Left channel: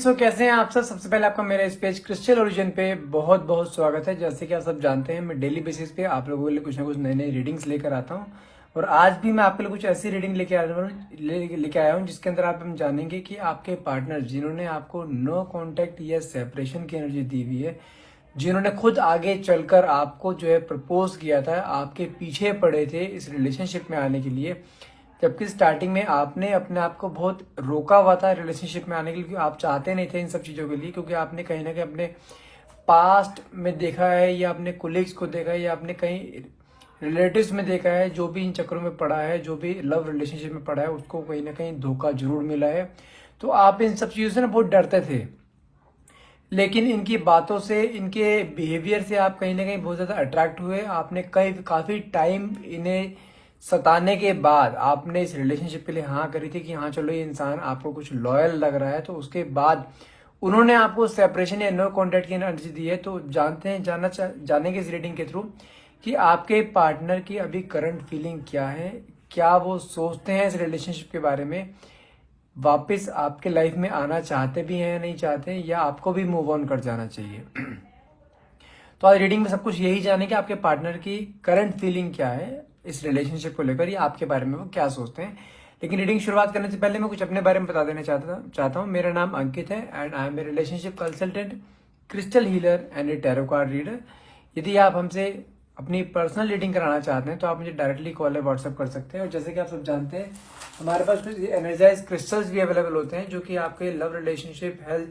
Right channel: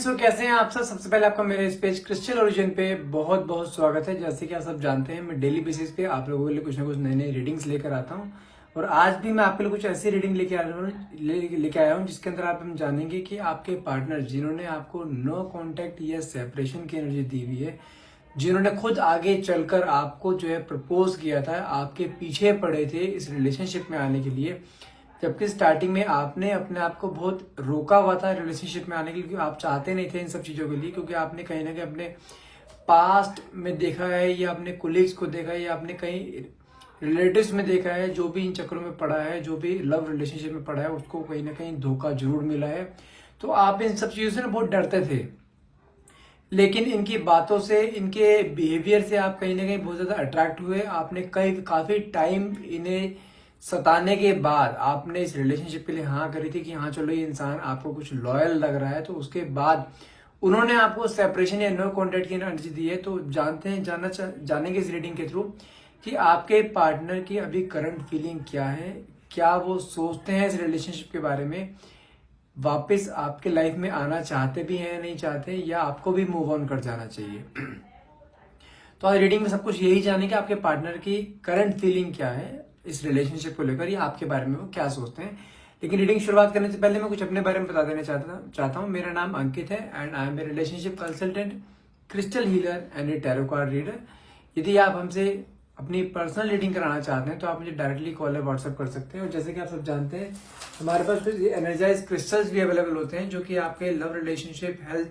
Friends, तो कैसे हैं आप सब। सबसे पहले आपका मेरे इस पेज क्रिस्टल ओरिजिन पे बहुत बहुत स्वागत है। जैसे कि आप सब जानते हैं, मैं डेली बेसिस पे आप लोगों के लिए कुछ ना कुछ नई नई रीडिंग्स लेकर आता हूं। और आज भी मैं आपके लिए कुछ ऐसी रीडिंग लेके आया हूं जिसके अंदर आप हम जानेंगे कि आपके पार्टनर जिन्होंने आपको नो कांटेक्ट या सेपरेशन की एनर्जी दी हुई है, जिन्होंने खुद आगे चलकर आपको जो है प्रपोज किया था, आपके पीछे पड़े थे इस रिलेशनशिप में आने के लिए, जबकि स्टार्टिंग में आपने अपने आप को बहुत रोका हुआ था रिलेशनशिप में आने के लिए, क्योंकि आप चाहते नहीं थे इन सब चीजों के लिए। क्योंकि आपने कहीं ना कहीं अपने पास्ट में देखा है, या अपने कोलीग्स को देखा है, या अपने कहीं रिलेटिव्स में देखा है, जो भी इन चक्करों में पड़ा है, जो भी लव रिलेशनशिप में पड़ा है, उसको कहीं ना कहीं धोखा जरूर मिला है। तो आप इन सब चीजों से ना बहुत डरते थे। लेकिन इनकी बातों से, इनके बिहेवियर से आप कहीं ना कहीं बहुत ज्यादा अट्रैक्ट हुए। आपने काफी टाइम इन्हें सताने के बाद आपने इस रिलेशनशिप के लिए हाँ करी थी कि हाँ चलो ये इंसान आपको कुछ लॉयल लग रहा है। तो उसके बाद उन्होंने आपको सेपरेशन या नो कॉन्टेक्ट की एनर्जी दी है। तो जानते हैं, जानेंगे इस रीडिंग के थ्रू कि आपके पार्टनर की अभी करंट फीलिंग क्या है, क्या वो सोचते हैं इस रिलेशनशिप के बारे में, वापस आपके लाइफ में आना चाहते भी हैं या नहीं चाहते, या आपको भी मूव ऑन कर जाना चाहिए। तो आज रीडिंग में सब कुछ यही जाने कि आपके पार्टनर की करंट फीलिंग क्या है इस रिलेशनशिप को लेकर, या आपके बारे में वो क्या सोचते हैं। लेकिन रीडिंग शुरुआत करने से पहले मैं कुछ अपने बारे में बता देना चाहता हूँ। मेरा नाम अंकित है and I am a relationship consultant, crystal healer and a tarot card reader. यदि आप हमसे अपनी पर्सनल रीडिंग कराना चाहते हैं तो आप मुझे डायरेक्टली कॉल या व्हाट्सएप कर सकते हैं। और जैसे कि आप सब जानते हैं, हमारे पास कुछ एनर्जाइज क्रिस्टल्स भी अवेलेबल होते हैं, जो कि आपके लव, रिलेशनशिप, हेल्थ,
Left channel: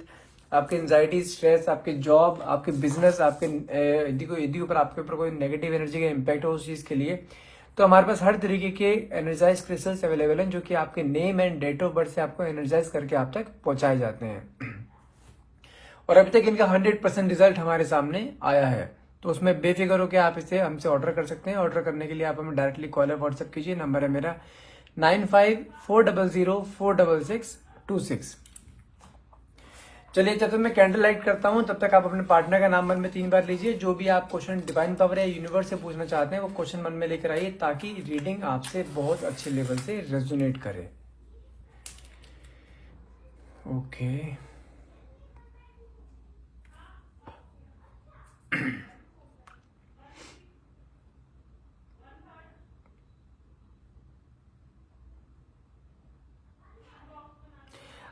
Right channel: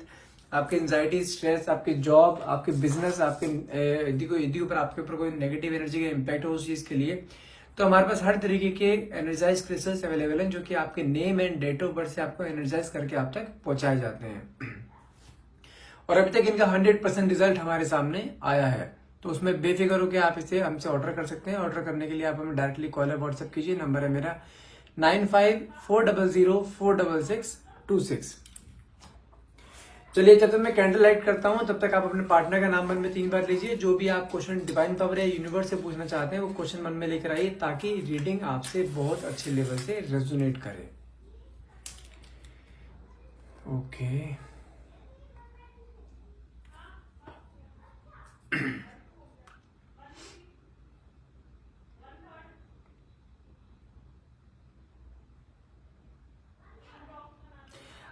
आपके एंजाइटी, स्ट्रेस, आपके जॉब, आपके बिजनेस, आपके यदि ऊपर आपके ऊपर कोई नेगेटिव एनर्जी का इम्पैक्ट हो उस चीज के लिए, तो हमारे पास हर तरीके के एनर्जाइज क्रिस्टल्स अवेलेबल हैं, जो कि आपके name and date of birth से आपको एनर्जाइज करके आप तक पहुंचाए जाते हैं। और अभी तक इनका 100% रिजल्ट हमारे सामने आया है। तो उसमें बेफिक्र होकर आप इसे हमसे ऑर्डर कर सकते हैं। ऑर्डर करने के लिए आप हमें डायरेक्टली कॉल या व्हाट्सएप कीजिए। नंबर है मेरा 9540066626। चलिए, जब तक मैं कैंडल लाइट करता हूं तब तक आप अपने पार्टनर का नाम मन में 3 बार लीजिए। जो भी आप क्वेश्चन डिवाइन पावर या यूनिवर्स से पूछना चाहते हैं वो क्वेश्चन मन में लेकर आइए, ताकि रीडिंग आपसे बहुत अच्छे लेवल से रेजोनेट करे। ओके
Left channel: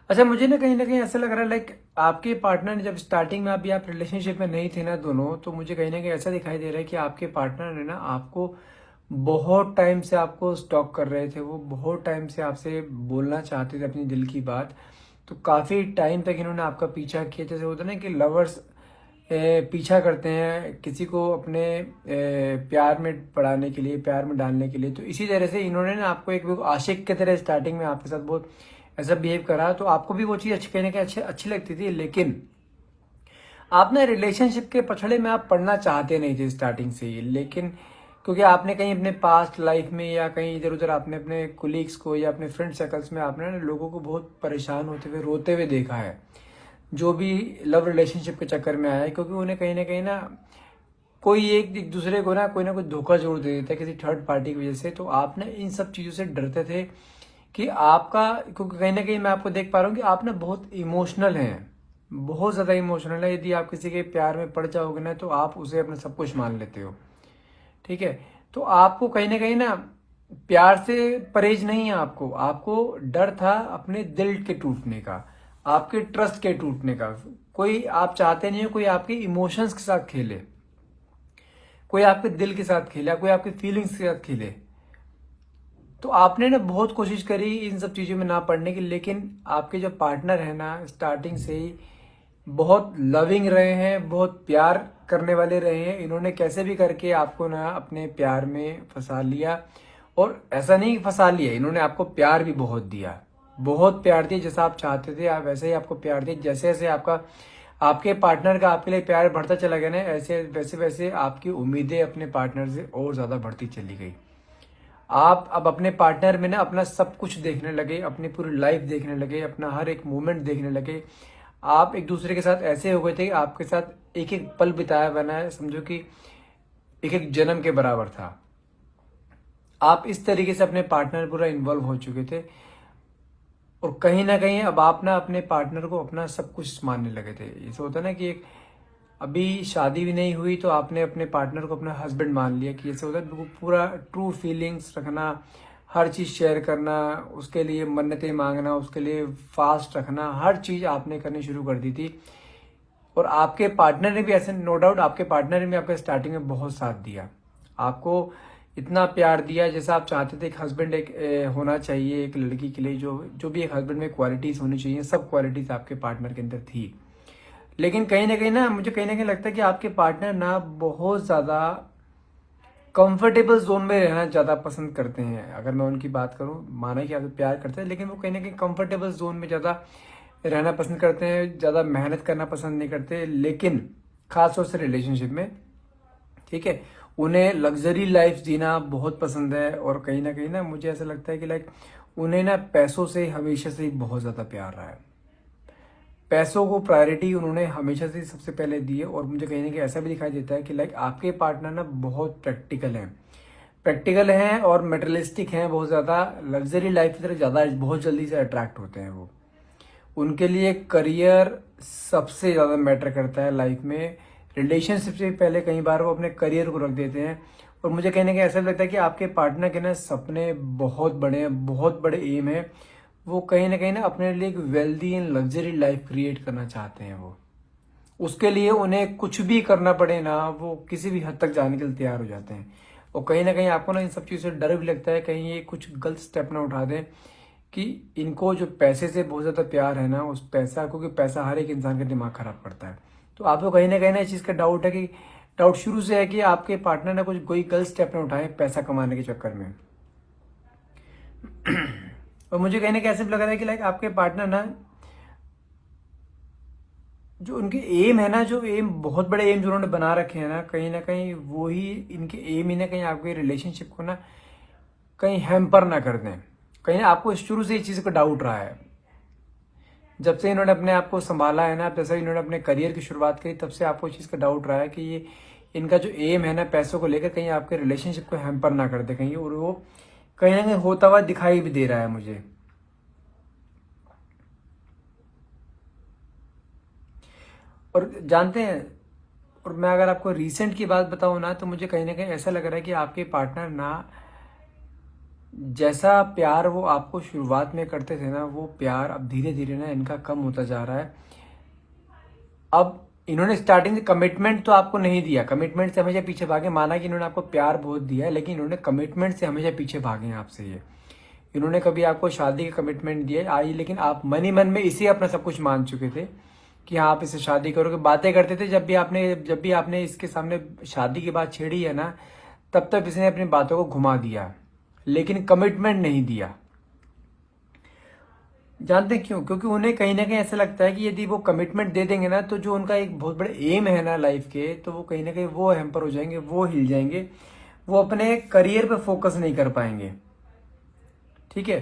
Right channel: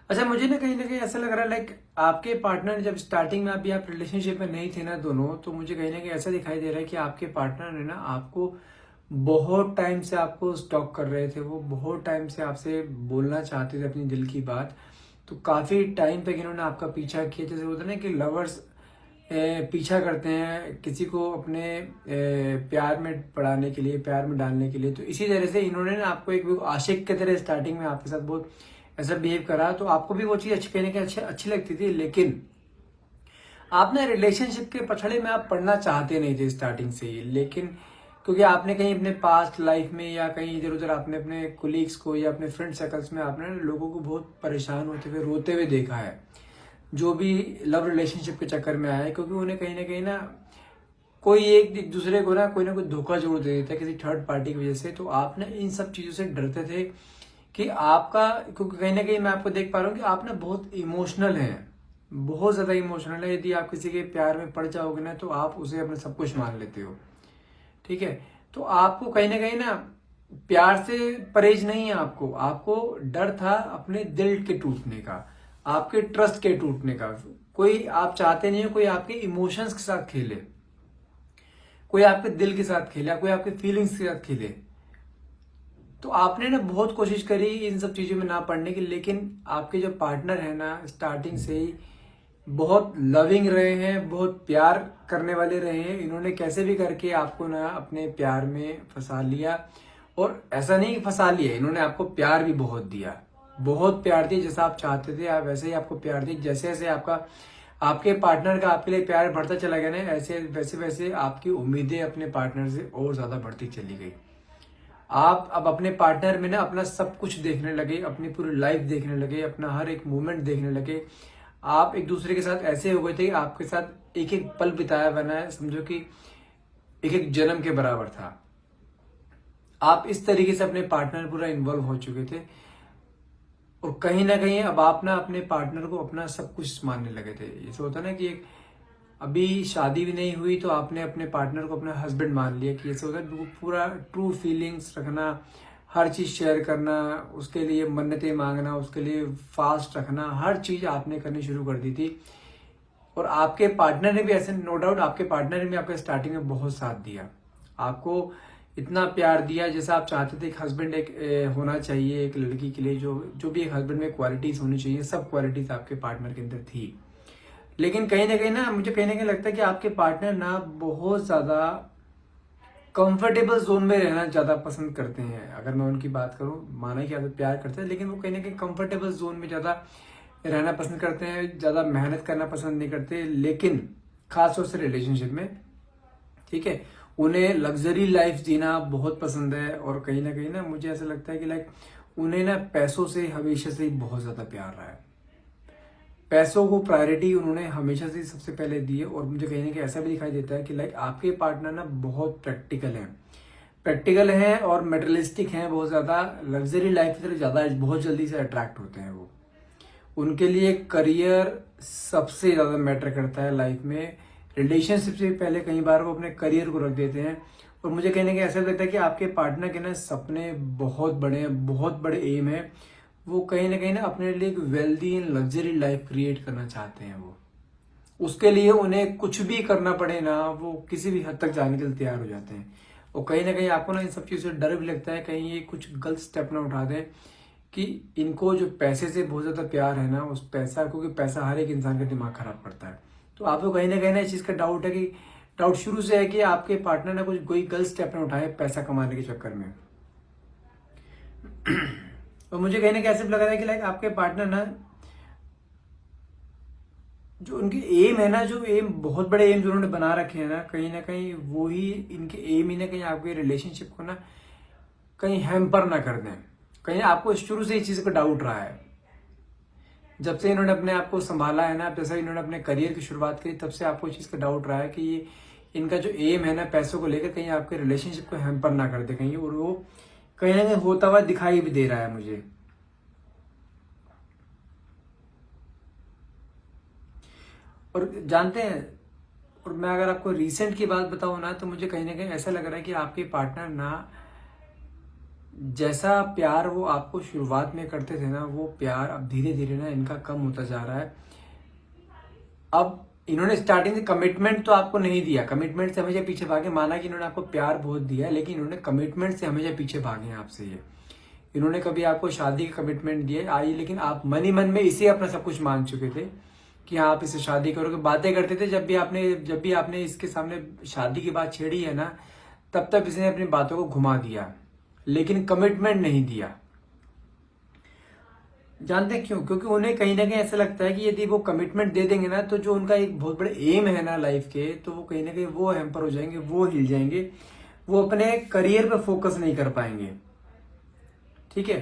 अच्छा, मुझे ना कहीं ऐसा लग रहा है, लाइक आपके पार्टनर ने जब स्टार्टिंग में अभी आप रिलेशनशिप में नहीं थे ना दोनों, तो मुझे कहीं ना कहीं ऐसा दिखाई दे रहा है कि आपके पार्टनर ने ना आपको बहुत टाइम से आपको स्टॉक कर रहे थे। वो बहुत टाइम से आपसे बोलना चाहते थे अपनी दिल की बात। तो काफी टाइम तक इन्होंने आपका पीछा किया। जैसे होता है ना कि लवर्स पीछा करते हैं किसी को अपने प्यार में पड़ाने के लिए, प्यार में डालने के लिए। तो इसी तरह से इन्होंने ना आपको एक आशिक की तरह स्टार्टिंग में आपके साथ बहुत ऐसा बिहेव करा। तो आपको भी वो चीज अच्छी कहने का अच्छी लगती थी, लेकिन आप ना रिलेशनशिप के पछड़े में आप पढ़ना चाहते नहीं थे स्टार्टिंग से ही। लेकिन क्योंकि आपने कहीं अपने पास्ट लाइफ में या कहीं इधर उधर आपने अपने कुलीग्स को या अपने फ्रेंड सर्कल्स में आपने लोगों को बहुत परेशान होते हुए, रोते हुए देखा है, जो भी लव रिलेशनशिप के चक्कर में आया है। क्योंकि उन्हें कहीं ना कोई एक दूसरे को ना कोई धोखा जरूर दे देता है किसी थर्ड पार्टी की वजह से। तो आप ना इन सब चीजों से डरते थे कि आपका, क्योंकि कहीं ना कहीं मैं आपको देख पा रहा हूँ कि आप ना बहुत इमोशनल हैं, बहुत ज्यादा इमोशनल है। यदि आप किसी के प्यार में पड़ जाओगे ना तो आप उसे अपना सब कुछ मान लेते हो, ठीक है। तो आपको कहीं ना प्यार से परहेज नहीं है। आपको आपको डर था अपने दिल के टूटने का, आपके ट्रस्ट के टूटने का। कोई आप चाहते नहीं कोई आपके इमोशंस के साथ खेले, कोई आपके दिल के साथ खेला, कोई आपके फीलिंग्स के साथ खेले। तो आपने ना बहुत कोशिश करी इन सब चीजों में ना पड़ने की। लेकिन आपके जो पार्टनर है ना, स्टार्टिंग से ही बहुत लविंग रहे हैं, बहुत प्यार करने वाले रहे हैं। इन्होंने कैसे भी करके आपको ना अपने प्यार में फंसा लिया। और ऐसा नहीं फंसा लिया, इन्होंने आपको प्यार भी बहुत दिया, बहुत प्यार दिया। जैसा आप चाहते थे आप वैसे ही आपको प्यार दिया। जैसे जैसे आपके पार्टनर का आपके लिए प्यार बढ़ता चला गया ना, ऐसे वैसे वैसे आपकी उम्मीदें अपने पार्टनर से और ज्यादा बढ़ती चली गई। आप अब अपने पार्टनर में ना अपना सब कुछ देखने लगे, अपनी पूरी लाइफ देखने लगे, अपना हर एक मोमेंट देखने लगे। आप एक दूसरे के साथ ऐसे हो गए थे कि आपके साथ एक एक पल बिताया बना है, समझो कि एक एक जन्म के बराबर था। आप इस तरीके से अपने पार्टनर पूरा इन्वॉल्व हो चुके थे। और कहीं ना कहीं अब आप ना अपने पार्टनर को अपना सब कुछ मानने लगे थे। ऐसा होता है ना कि एक अभी शादी भी नहीं हुई तो आपने अपने पार्टनर को अपना हस्बैंड मान लिया, कि ऐसा होता है पूरा ट्रू फीलिंग्स रखना, हर चीज शेयर करना, उसके लिए मन्नतें मांगना, उसके लिए फास्ट रखना, हर चीज आपने करनी शुरू कर दी थी। और आपके पार्टनर ने भी ऐसे, नो डाउट आपके पार्टनर ने भी आपका स्टार्टिंग में बहुत साथ दिया, आपको इतना प्यार दिया जैसा आप चाहते थे। एक हस्बैंड एक होना चाहिए एक लड़की के लिए, जो जो भी एक हस्बैंड में क्वालिटीज होनी चाहिए, सब क्वालिटीज आपके पार्टनर के अंदर थी। लेकिन कहीं ना कहीं ना मुझे कहीं ना कहीं लगता है कि आपके पार्टनर ना बहुत ज्यादा कंफर्टेबल जोन में रहना ज्यादा पसंद करते हैं। अगर मैं उनकी बात करूं, माना कि आपको प्यार करते हैं, लेकिन वो कहीं ना कहीं कंफर्टेबल जोन में ज्यादा रहना पसंद करते हैं, ज्यादा मेहनत करना पसंद नहीं करते। लेकिन खासतौर से रिलेशनशिप में, ठीक है, उन्हें लग्जरी लाइफ जीना बहुत पसंद है। और कहीं ना मुझे ऐसा लगता है कि लाइक उन्हें ना पैसों से हमेशा से बहुत ज्यादा प्यार रहा है, पैसों को प्रायोरिटी उन्होंने हमेशा से सबसे पहले दी है। और मुझे कहीं ना कहीं ऐसा भी दिखाई देता है कि लाइक आपके पार्टनर ना बहुत प्रैक्टिकल हैं और मेटेरियलिस्टिक हैं, बहुत ज्यादा लग्जरी लाइफ की तरफ ज्यादा बहुत जल्दी से अट्रैक्ट होते हैं। वो उनके लिए करियर सबसे ज्यादा मैटर करता है लाइफ में। रिलेशनशिप से पहले कई बार वो अपने करियर को रख देते हैं। और मुझे कहने का ऐसा लगता है कि आपके पार्टनर के ना सपने बहुत बड़े हैं, बहुत बड़े एम है। वो कहीं ना अपने लिए एक wealthy and luxury life create करना चाहते हैं। वो उसके लिए उन्हें कुछ भी करना पड़े ना, वो किसी भी हद तक जाने के लिए तैयार हो जाते हैं। और कहीं ना कहीं आपको ना इन सब चीजों से डर भी लगता है कहीं ये कुछ गलत स्टेप ना उठा दे, कि इनको जो पैसे से बहुत ज्यादा प्यार है ना, उस पैसा, क्योंकि पैसा हर एक इंसान का दिमाग खराब करता है। तो आपको कहीं ना इस चीज का डाउट है, कि डाउट शुरू से है कि आपके पार्टनर ने कुछ कोई गलत स्टेप ना उठाए पैसा कमाने के चक्कर में। और मुझे कहीं ना कहीं ऐसे लग रहा है कि लाइक आपके पार्टनर ना, जो उनके एम है ना, जो एम बहुत बड़े एम जो उन्होंने बना रखे हैं ना कहीं वो ही इनके एम ही ना कहीं आपके रिलेशनशिप को ना कहीं हैम्पर ना कर दें। कहीं ना आपको शुरू से इस चीज का डाउट रहा है, जब से इन्होंने अपने आप को संभाला है ना, जैसे इन्होंने अपने करियर की शुरुआत की, तब से आपको इस चीज का डाउट रहा है कि ये इनका जो एम है ना पैसों को लेकर, कहीं आपके रिलेशनशिप को हैम्पर ना कर दे कहीं। और वो कहीं ना कहीं होता हुआ दिखाई भी दे रहा है मुझे। और जानते हैं, और मैं अगर आपको रीसेंट की बात बताऊं ना, तो मुझे कहीं ना कहीं ऐसा लग रहा है कि आपके पार्टनर ना, जैसा प्यार वो आपको शुरुआत में करते थे ना, वो प्यार अब धीरे धीरे ना इनका कम होता जा रहा है। अब इन्होंने स्टार्टिंग में कमिटमेंट तो आपको नहीं दिया, कमिटमेंट से हमेशा पीछे भागे। माना कि इन्होंने आपको प्यार बहुत दिया है, लेकिन इन्होंने कमिटमेंट से हमेशा पीछे भागे हैं आपसे। ये इन्होंने कभी आपको शादी का कमिटमेंट दिया आई, लेकिन आप मन ही मन में इसे अपना सब कुछ मान चुके थे कि हाँ आप इसे शादी करोगे। बातें करते थे, जब भी आपने इसके सामने शादी की बात छेड़ी है ना, तब तक इसने अपनी बातों को घुमा दिया, लेकिन कमिटमेंट नहीं दिया। जानते क्यों? क्योंकि उन्हें कहीं ना कहीं ऐसा लगता है कि यदि वो कमिटमेंट दे देंगे ना, तो जो उनका एक बहुत बड़े एम है ना लाइफ के, तो वो कहीं ना कहीं वो हैम्पर हो जाएंगे, वो हिल जाएंगे, वो अपने करियर पे फोकस नहीं कर पाएंगे। ठीक है,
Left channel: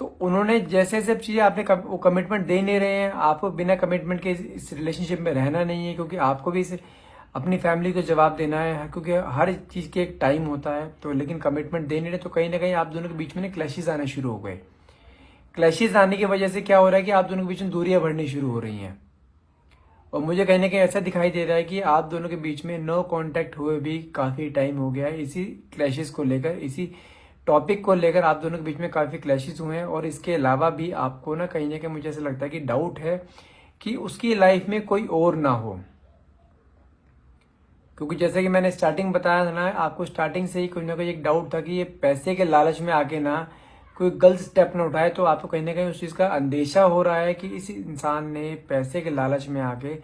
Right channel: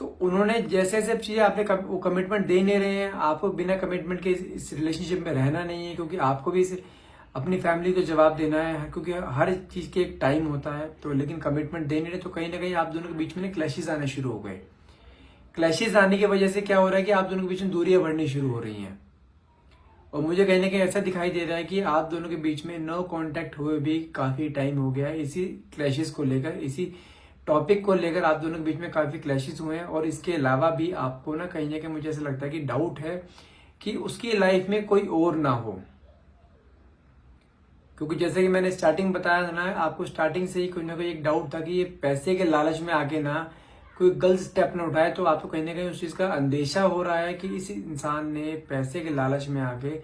तो उन्होंने जैसे सब चीजें आपने वो कमिटमेंट दे नहीं रहे हैं, आपको बिना कमिटमेंट के इस रिलेशनशिप में रहना नहीं है, क्योंकि आपको भी अपनी फैमिली को जवाब देना है, क्योंकि हर चीज के एक टाइम होता है। तो लेकिन कमिटमेंट दे नहीं रहे, तो कहीं ना कहीं आप दोनों के बीच में क्लैशेस आना शुरू हो गए। क्लैशेस आने की वजह से क्या हो रहा है कि आप दोनों के बीच में दूरियां बढ़नी शुरू हो रही हैं। और मुझे कहीं ना कहीं ऐसा दिखाई दे रहा है कि आप दोनों के बीच में नो कांटेक्ट हुए भी काफी टाइम हो गया है, इसी क्लैशेस को लेकर, इसी टॉपिक को लेकर आप दोनों के बीच में काफी क्लैशेस हुए हैं। और इसके अलावा भी आपको ना कहीं ना कहीं मुझे ऐसा लगता है कि डाउट है कि उसकी लाइफ में कोई और ना हो। क्योंकि जैसे कि मैंने स्टार्टिंग बताया था ना, आपको स्टार्टिंग से ही कोई ना कोई एक डाउट था कि ये पैसे के लालच में आके ना कोई गलत स्टेप न उठाए। तो आपको कहीं ना कहीं उस चीज का अंदेशा हो रहा है कि इस इंसान ने पैसे के लालच में आके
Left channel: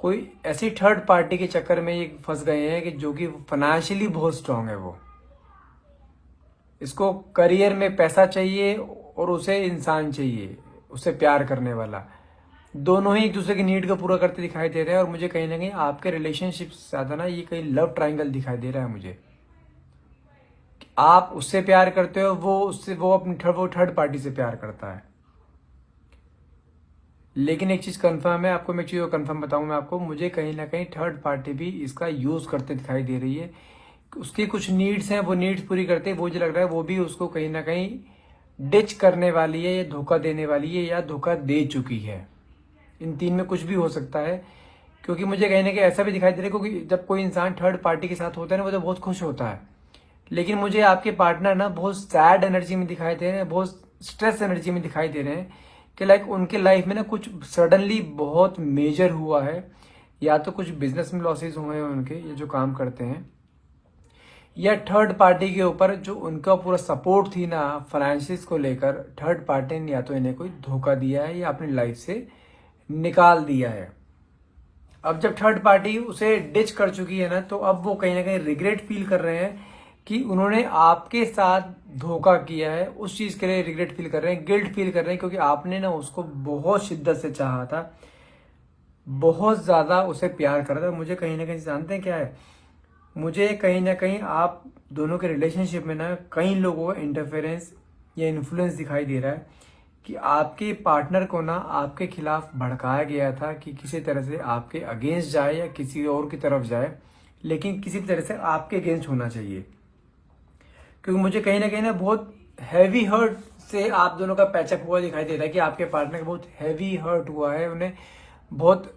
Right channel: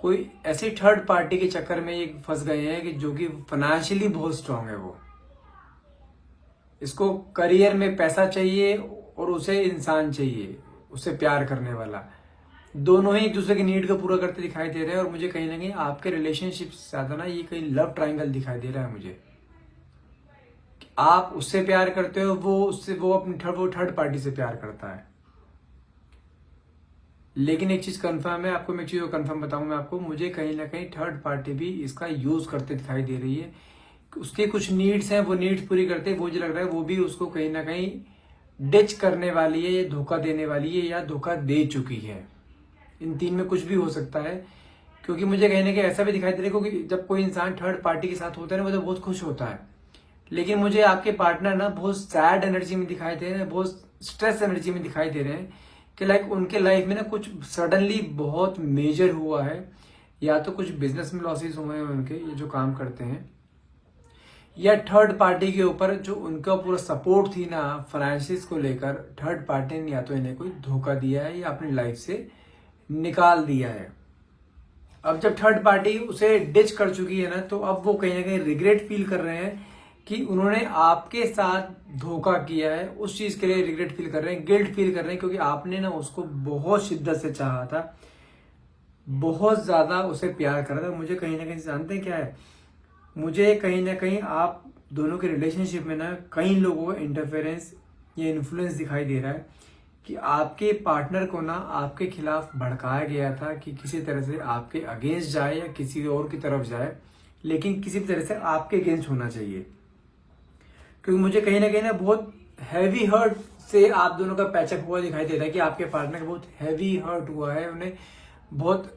कोई ऐसी थर्ड पार्टी के चक्कर में ये फंस गए हैं कि जो कि फाइनेंशियली बहुत स्ट्रांग है। वो इसको करियर में पैसा चाहिए और उसे इंसान चाहिए, उससे प्यार करने वाला। दोनों ही एक दूसरे की नीड को पूरा करते दिखाई दे रहे हैं। और मुझे कहीं ना कहीं आपके रिलेशनशिप से ज्यादा ना ये कहीं लव ट्रायंगल दिखाई दे रहा है मुझे। आप उससे प्यार करते हो, वो अपनी थर्ड पार्टी से प्यार करता है। लेकिन एक चीज कंफर्म है, आपको मैं चीज कंफर्म बताऊंगा आपको, मुझे कहीं ना कहीं थर्ड पार्टी भी इसका यूज करते दिखाई दे रही है। उसकी कुछ नीड्स हैं, वो नीड्स पूरी करते हैं, मुझे लग रहा है वो भी उसको कहीं ना कहीं डिच करने वाली है, या धोखा देने वाली है, या धोखा दे चुकी है। इन तीन में कुछ भी हो सकता है, क्योंकि मुझे कहीं ना कहीं ऐसा भी दिखाई दे रहा है, क्योंकि जब कोई इंसान थर्ड पार्टी के साथ होता है ना, वो तो बहुत खुश होता है, लेकिन मुझे आपके पार्टनर ना बहुत सैड एनर्जी में दिखाई दे रहे हैं, बहुत स्ट्रेस एनर्जी में दिखाई दे रहे हैं, कि लाइक उनके लाइफ में ना कुछ सडनली बहुत मेजर हुआ है, या तो कुछ बिजनेस में लॉसेस हुए हैं उनके, ये जो काम करते हैं, या थर्ड पार्टी के ऊपर जो उनका पूरा सपोर्ट थी ना फाइनेंसिस को लेकर, थर्ड पार्टी ने या तो इन्हें कोई धोखा दिया है या अपनी लाइफ से निकाल दिया है। अब जब थर्ड पार्टी उसे डिच कर चुकी है ना, तो अब वो कहीं ना कहीं रिग्रेट फील कर रहे हैं कि उन्होंने आपके साथ धोखा किया है, उस चीज के लिए रिग्रेट फील कर रहे हैं, गिल्ट फील कर रहे हैं, क्योंकि आपने ना उसको बहुत शिद्दत से चाहा था, बहुत ज्यादा उसे प्यार करा था। मुझे कहीं ना कहीं जानते हैं क्या है, मुझे कहीं ना कहीं आप दोनों के रिलेशनशिप में ना कई लोगों का इंटरफेरेंस या इन्फ्लुएंस दिखाई दे रहा है, कि आपके पार्टनर को ना आपके खिलाफ भड़काया गया था कि किसी तरह से आपके अगेंस्ट जाए या किसी और की तरफ जाए, लेकिन किसी तरह से आपके अगेंस्ट होना चाहिए। क्योंकि मुझे कहीं ना बहुत हैवी हर्ट से आप दोनों का पैचअप हुआ दिखाई दे रहा है, कि आपके पार्टनर को बहुत हैवी हर्ट हुआ है, उन्हें बहुत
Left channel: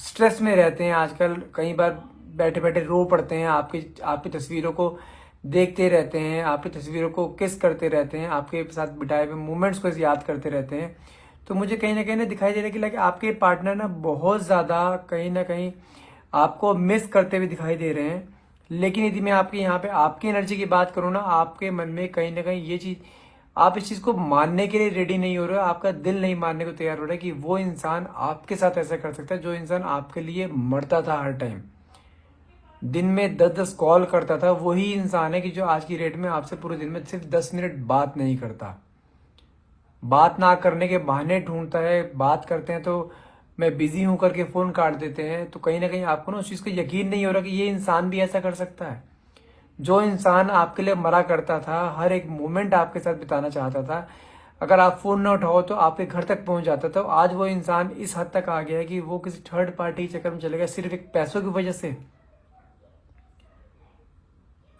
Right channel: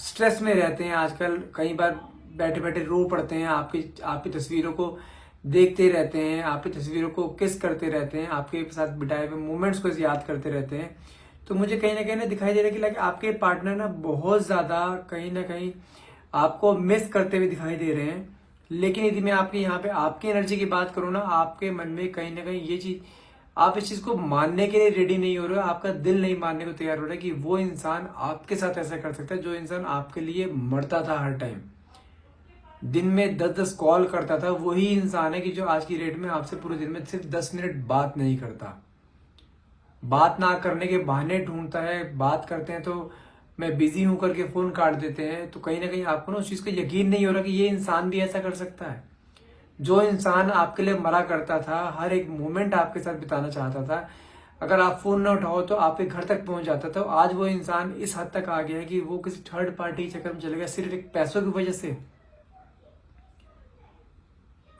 स्ट्रेस में रहते हैं आजकल, कई बार बैठे बैठे रो पड़ते हैं, आपकी तस्वीरों को देखते रहते हैं, आपकी तस्वीरों को किस करते रहते हैं, आपके साथ बिताए हुए मोमेंट्स को याद करते रहते हैं। तो मुझे कहीं ना दिखाई दे रहा है कि लाइक आपके पार्टनर ना बहुत ज्यादा कहीं ना कहीं आपको मिस करते हुए दिखाई दे रहे हैं। लेकिन यदि मैं आपकी यहाँ पे आपकी एनर्जी की बात करूँ ना, आपके मन में कहीं ना कहीं ये चीज, आप इस चीज को मानने के लिए रेडी नहीं हो रहे, आपका दिल नहीं मानने को तैयार हो रहा है कि वो इंसान आपके साथ ऐसा कर सकता है, जो इंसान आपके लिए मरता था हर टाइम, दिन में 10-10 कॉल करता था, वही इंसान है कि जो आज की डेट में आपसे पूरे दिन में सिर्फ 10 मिनट बात नहीं करता, बात ना करने के बहाने ढूंढता है, बात करते हैं तो मैं बिजी हूं करके फोन काट देते हैं। तो कहीं ना कहीं आपको ना उस चीज का यकीन नहीं हो रहा कि ये इंसान भी ऐसा कर सकता है। जो इंसान आपके लिए मरा करता था, हर एक मोमेंट आपके साथ बिताना चाहता था, अगर आप फोन न उठाओ तो आपके घर तक पहुंच जाता था, आज वो इंसान इस हद तक आ गया है कि वो किसी थर्ड पार्टी चक्कर में चले गया सिर्फ एक पैसों की वजह से।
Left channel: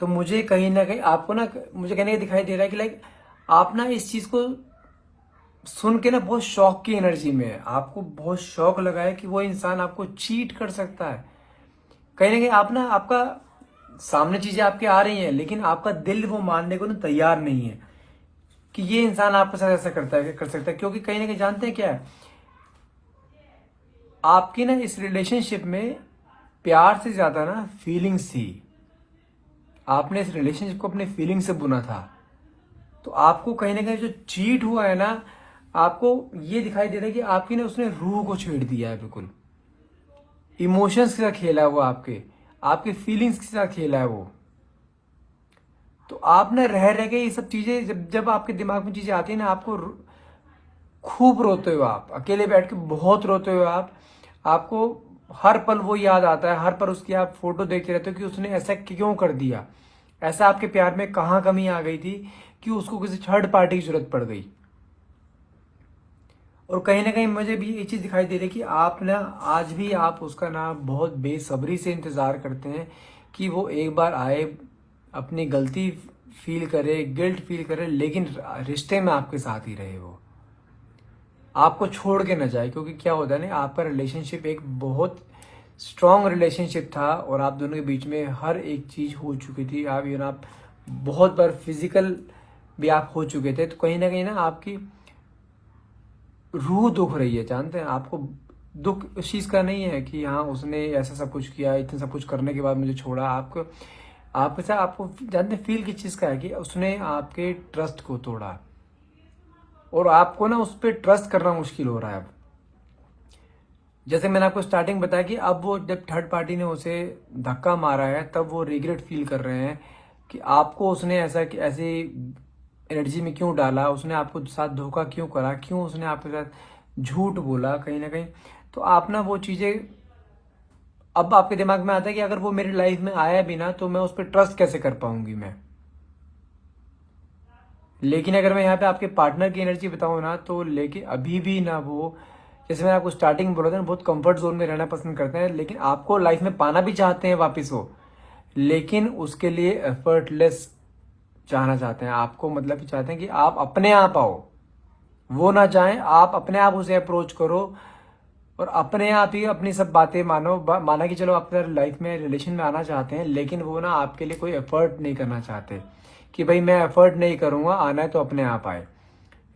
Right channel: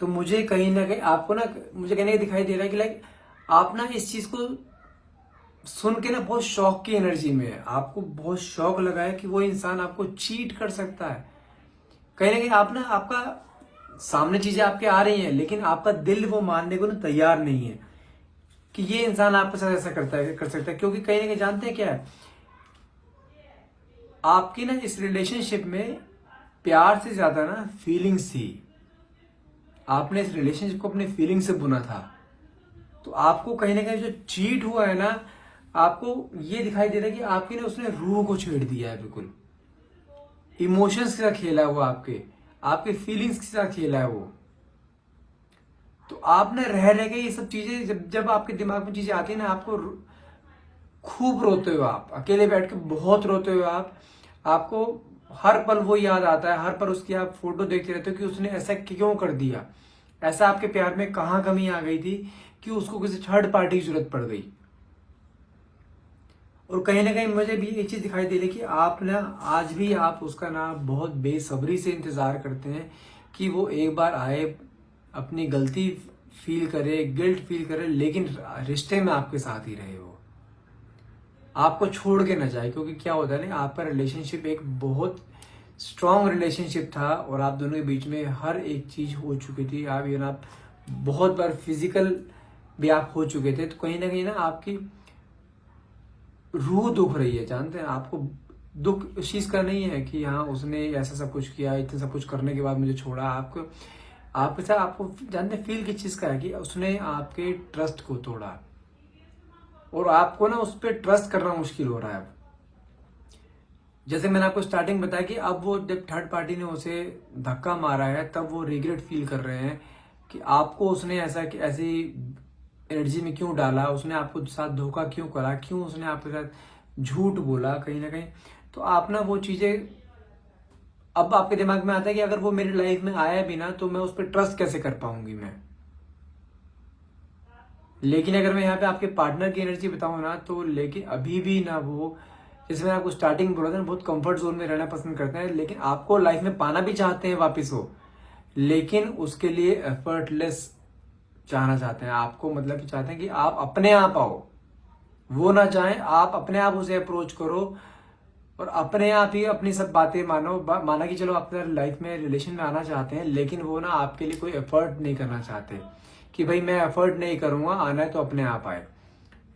तो मुझे कहीं ना कहीं आपको ना, मुझे कहने का दिखाई दे रहा है कि लाइक आप ना इस चीज को सुन के ना बहुत शौक की एनर्जी में है, आपको बहुत शौक लगा है कि वो इंसान आपको चीट कर सकता है। कहीं ना कहीं आप ना, आपका सामने चीजें आपके आ रही हैं, लेकिन आपका दिल वो मानने को ना तैयार नहीं है कि ये इंसान आपके साथ ऐसा करता है, कर सकता है। क्योंकि कहीं ना कहीं जानते हैं क्या है, आपकी ना इस रिलेशनशिप में प्यार से ज्यादा ना फीलिंग्स थी, आपने इस रिलेशनशिप को अपने फीलिंग से बुना था। तो आपको कहीं ना कहीं जो चीट हुआ है ना, आपको ये दिखाई दे रहा है कि आपकी ना उसने रूह को छेड़ दिया है, बिल्कुल इमोशंस के साथ खेला हुआ, आपके फीलिंग्स के साथ खेला है वो। तो आप ना रह के ये सब चीजें, जब आपके दिमाग में चीजें आती है ना, आपको खूब रोते हो, आप अकेले बैठ के बहुत रोते हो, आपको हर पल वो याद आता है, हर पल उसकी आप फोटो देखते रहते हो कि उसने ऐसा क्यों कर दिया, ऐसा आपके प्यार में कहाँ कमी आ गई थी कि उसको किसी थर्ड पार्टी की जरूरत पड़ गई। और कहीं ना कहीं मुझे भी एक चीज दिखाई दे रही है कि आप ना आज भी आप उसका ना बहुत बेसब्री से इंतजार करते हैं कि वो एक बार आए, अपनी गलती फील करे, गिल्ट फील करे, लेकिन रिश्ते में आपके साथ ही रहे, वो आपको छोड़ के न जाए। क्योंकि क्या होता है ना, आपका रिलेशनशिप एक बहुत स्ट्रॉन्ग रिलेशनशिप था, और आप दोनों के बीच में हर एक चीज हो चुकी थी, आप बहुत बार फिजिकल भी आप हो चुके थे। तो कहीं ना आपकी रूह दुख रही है, जानते हैं, आपको दुख इस चीज का नहीं है कि हाँ उसने ऐसा सब कुछ किया, इतना सब कुछ करने के बाद मुझे छोड़ा। आपको जानते फील किस चीज का है कि उसने आपके ट्रस्ट को तोड़ा, और आपको ना उस पर ट्रस्ट करना मुश्किल हो रहा है। जैसे मैंने आपको स्टार्टिंग बताया कि अब वो जब थर्ड पार्टी ने उसे धक्का मारा है, तब वो रिग्रेट फील कर रहे हैं कि आपको उसने ऐसी एनर्जी में क्यों डाला, उसने आपको साथ धोखा क्यों करा, क्यों उसने आपके साथ झूठ बोला कहीं ना कहीं। तो आप ना वो चीजें, अब आपके दिमाग में आता है कि अगर वो मेरी लाइफ में आया भी ना, तो मैं उस पर ट्रस्ट कैसे कर पाऊंगी मैं। लेकिन अगर मैं यहाँ पे आपके पार्टनर की एनर्जी बताऊं ना, तो लेकिन अभी भी ना वो, जैसे मैंने आपको स्टार्टिंग में बोला था ना, बहुत कंफर्ट जोन में रहना पसंद करते हैं, लेकिन आपको लाइफ में पाना भी चाहते हैं वापिस हो, लेकिन उसके लिए एफर्टलेस चाहना चाहते हैं, आपको मतलब कि चाहते हैं कि आप अपने आप आओ, वो ना चाहें, आप अपने आप उसे अप्रोच करो और अपने आप ही अपनी सब बातें मानो। माना कि चलो आप लाइफ में रिलेशन में आना चाहते हैं, लेकिन वो ना आपके लिए कोई एफर्ट नहीं करना चाहते कि भाई मैं एफर्ट नहीं करूंगा, आना है तो अपने आप आए।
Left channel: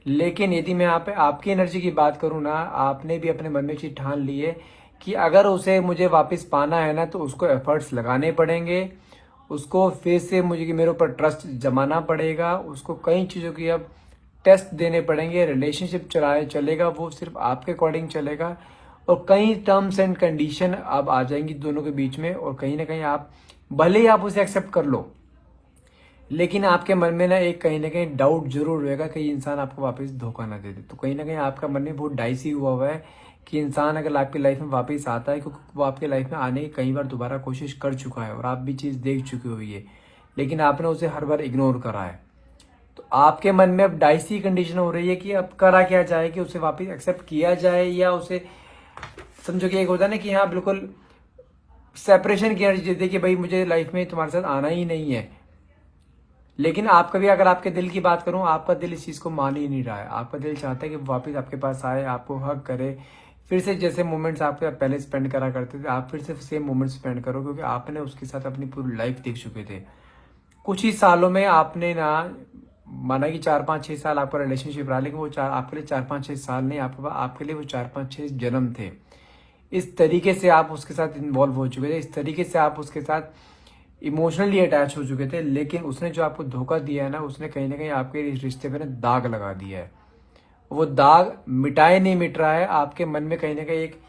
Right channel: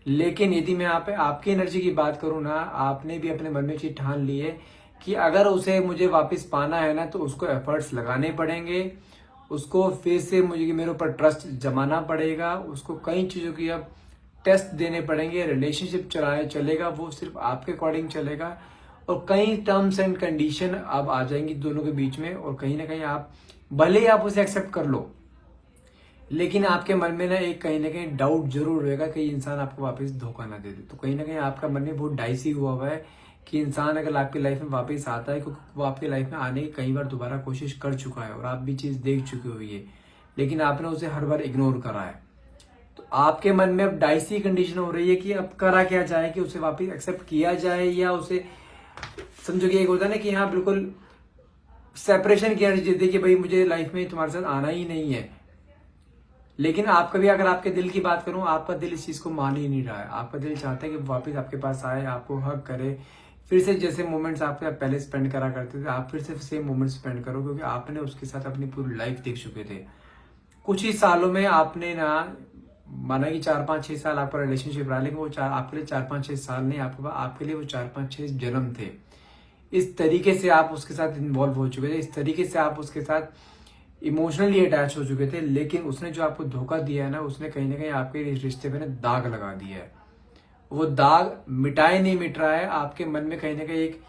लेकिन यदि मैं आप आपकी एनर्जी की बात करूं ना, आपने भी अपने मन में चीज ठान ली है कि अगर उसे मुझे वापस पाना है ना, तो उसको एफर्ट्स लगाने पड़ेंगे, उसको फिर से मुझे मेरे ऊपर ट्रस्ट जमाना पड़ेगा, उसको कई चीजों की अब टेस्ट देने पड़ेंगे। रिलेशनशिप चलेगा वो सिर्फ आपके अकॉर्डिंग चलेगा, और कई टर्म्स एंड कंडीशन अब आ जाएंगी दोनों के बीच में, और कहीं ना कहीं आप भले ही आप उसे एक्सेप्ट कर लो, लेकिन आपके मन में ना एक कहीं ना कहीं डाउट जरूर रहेगा कि ये इंसान आपको वापस धोखा ना दे दे। तो कहीं ना कहीं आपका मन में बहुत डाइसी हुआ है कि इंसान अगर आपकी लाइफ में वापस आता है, क्योंकि वो आपकी लाइफ में आने की कई बार दोबारा कोशिश कर चुका है और आप भी चीज देख चुकी हुई है, लेकिन आपने उसे हर बार इग्नोर करा है। तो आपके मन में अब डाइसी कंडीशन हो रही है कि अब करा क्या जाए, कि उसे वापस एक्सेप्ट किया जाए या उसे समझो कि एक होता है ना कि हाँ बिल्कुल सेपरेशन किया जाए कि भाई मुझे लाइफ में तुम्हारे साथ आना ही नहीं है। लेकिन आपका भी अगर आपके दिल की बात करूं, आपका दिल इस चीज को मान ही नहीं रहा है। आपका दिल चाहता है कि वापस आपके पास आए, आपको हक करे, फिर से जैसे मोमेंट्स आपके पहले स्पेंड करा करते थे आप फिर से सेम मोमेंट्स स्पेंड करो, क्योंकि आपने उसके साथ अपनी पूरी लाइफ देख चुके थे। कुछ ही सालों में आपने ना, माना कि 4-5-6 साल आपका रिलेशनशिप रहा, लेकिन वो आपके लिए 4-5-6 साल नहीं, आपके लिए वो 4-5-6 जन्म थे। इस तरीके से आप उसके साथ इन्वॉल्व हो चुके थे, इस तरीके से आप उसके साथ इमोशनली अटैच हो चुके थे। लेकिन उसने जो आपको धोखा दिया है ना, उसने कहीं ना कहीं आपके इस रिश्ते पर दाग लगा दिया है। वो दाग मिटाए नहीं मिट रहा है, आपके मन में कहीं ना कहीं एक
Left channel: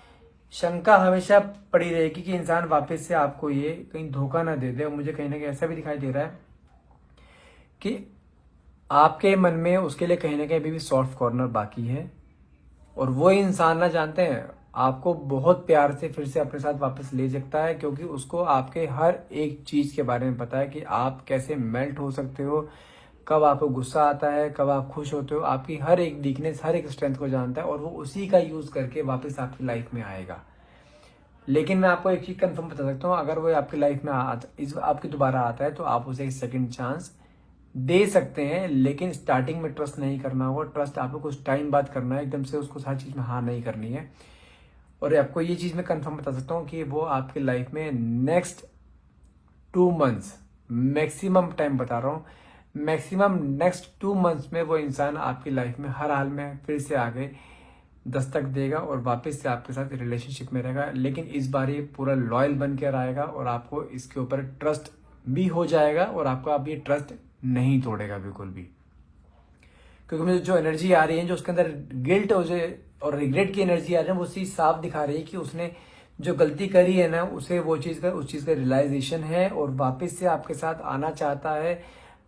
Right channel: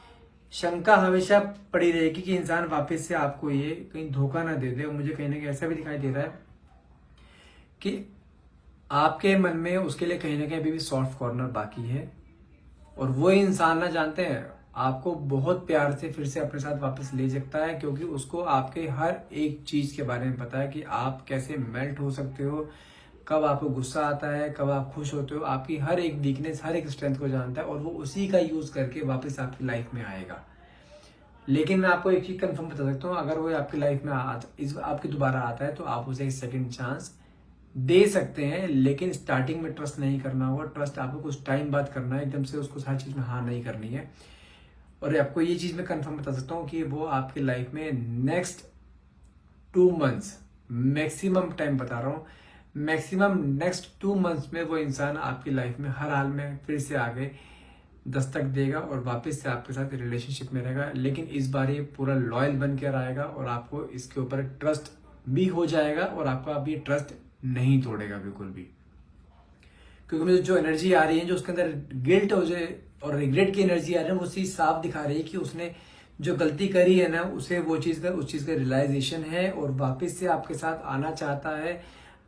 शंका हमेशा पड़ी रहेगी कि इंसान वापस से आपको ये कहीं धोखा ना दे दे। मुझे कहीं ना कहीं ऐसा भी दिखाई दे रहा है कि आपके मन में उसके लिए कहीं ना कहीं अभी भी सॉफ्ट कॉर्नर बाकी है, और वो इंसान ना, जानते हैं, आपको बहुत प्यार से फिर से अपने साथ वापस ले सकता है, क्योंकि उसको आपके हर एक चीज के बारे में पता है कि आप कैसे मेल्ट हो सकते हो, कब आपको गुस्सा आता है, कब आप खुश होते हो, आपकी हर एक वीकनेस, हर एक स्ट्रेंथ को जानता है, और वो उसी का यूज करके वापस आपकी लाइफ में आएगा। लेकिन मैं आपको एक चीज कंफर्म बता सकता हूँ, अगर वो आपकी लाइफ में आपकी दोबारा आता है, तो आप उसे एक सेकंड चांस दे सकते हैं, लेकिन स्टार्टिंग में ट्रस्ट नहीं करना होगा। ट्रस्ट आपको कुछ टाइम बाद करना है, एकदम से उसको हर चीज में हाँ नहीं करनी है। और आपको ये चीज मैं कंफर्म बता सकता हूँ कि वो आपकी लाइफ में नेक्स्ट 2 मंथ्स, मैक्सिमम टाइम बता रहा हूँ, मैक्सिमम नेक्स्ट 2 मंथ्स में वो इंसान आपकी लाइफ में हर हाल में फिर से आगे दस्तक देगा और वापस से आपके साथ रिलेशनशिप में रहेगा। लेकिन इस बार ये पूरा लॉयल बन के आएगा, और आपको इसके ऊपर ट्रस्ट भी हो जाएगा, और आपका अब ये ट्रस्ट नहीं तोड़ेगा बिल्कुल भी। क्योंकि मुझे जो एनर्जी आ रही है, जो उसके अंदर गिल्ट और रिग्रेट की एनर्जी आ रही है, वो चीज साफ दिखा रही है कि उसने जो गलती करी है ना, उसे वो चीज का उस चीज का रियलाइजेशन है, और वापस से आपके साथ आना चाहता है,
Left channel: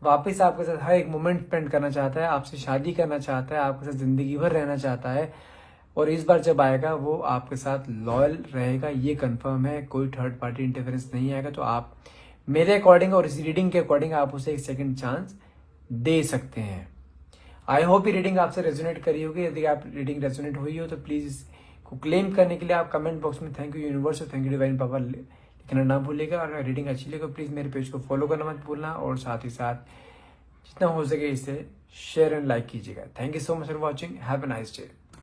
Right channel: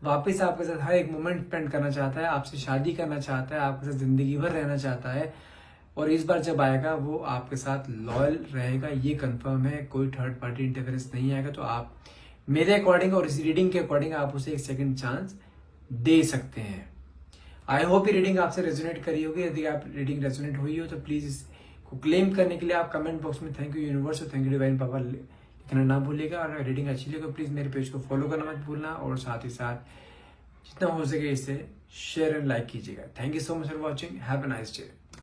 वापस आपके साथ हर एक मोमेंट स्पेंड करना चाहता है, आपसे शादी करना चाहता है, आपके साथ जिंदगी भर रहना चाहता है। और इस बार जब आएगा वो आपके साथ लॉयल रहेगा, ये कंफर्म है, कोई थर्ड पार्टी इंटरफेरेंस नहीं आएगा। तो आप मेरे अकॉर्डिंग और इस रीडिंग के अकॉर्डिंग आप उसे एक सेकंड चांस दे सकते हैं। आई होप ये रीडिंग आपसे रेजोनेट करी होगी। यदि आप रीडिंग रेजोनेट हुई हो तो प्लीज इसको क्लेम करने के लिए आप कमेंट बॉक्स में थैंक यू यूनिवर्स और थैंक यू डिवाइन पावर लिखना ना भूलिएगा। और अगर रीडिंग अच्छी लगे तो प्लीज मेरे पेज को फॉलो करना मत भूलना, और साथ ही साथ जितना हो सके इसे शेयर एंड लाइक कीजिएगा। Thank you so much for watching, have a nice day.